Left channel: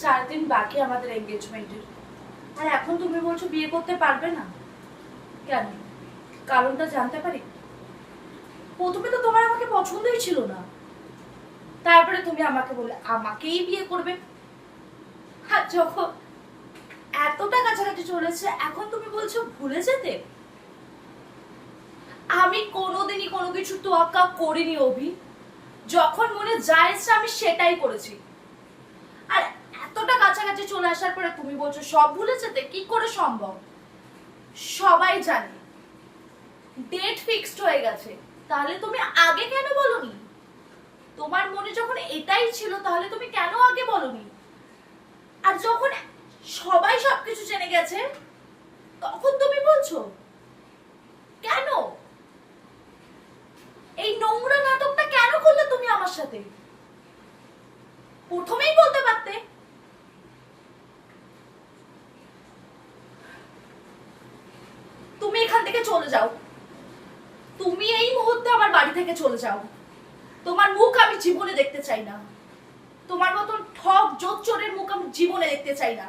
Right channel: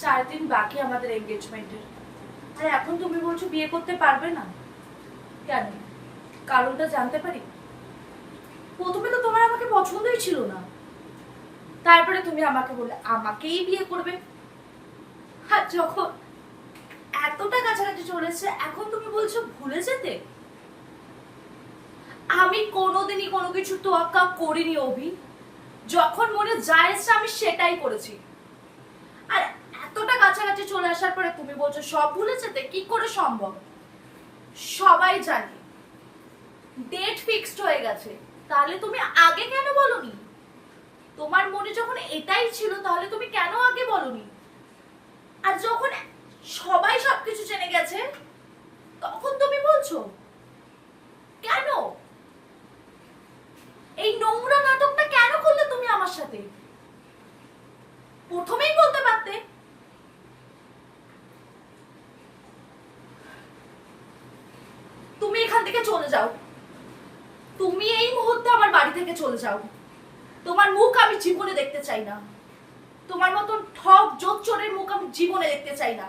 4 দিন বাকি আমাদের এঙ্গেজমেন্টের, আর এখন তুমি বলছো বিয়ে করতে পারবে না। কেন? কারণটা জানতে পারি? প্রথমে তো তোমার আমাকে পছন্দই ছিল না, তারপরে তুমি আমাকে বললে আমাকেই বিয়ে করবে। আর যখন এতটা কাছাকাছি চলেছে এখন তুমি বলছো ভুলে যেতে। আমি কোনোদিনই কোনো কিছু তোয়াক্কা করিনি অভি। যখন মনে যায় আমি সেটাই করেছি। আর এতটা কাছাকাছি চলে আসার পরে তুমি বলছো সব ভুলে যেতে, কি করে সম্ভব? সবাই জানে ডেট ফিক্সড হয়ে গেছে, তাহলে তুমি আগে কেন বলনি? তোমার মনে যখন এটাই ছিল তাহলে তুমি কেন আগে বলনি? আর যখন সবাই সবকিছু জেনে গেছে তখন তুমি বলছো কেন? এই নোংরা নাটকটা কেন করলে তুমি আমার সাথে? প্রথমেই বলতে পারতে। তুমি এখান থেকে চলে যাও, তুমি এই মুহূর্তে আমার বাড়ি থেকে চলে যাও। তোমার মুখ আমি জীবনে দেখতে চাই না, তোমার মতন ঠক জোচ্চোরের মুখ আমি জীবনে দেখতে চাই না।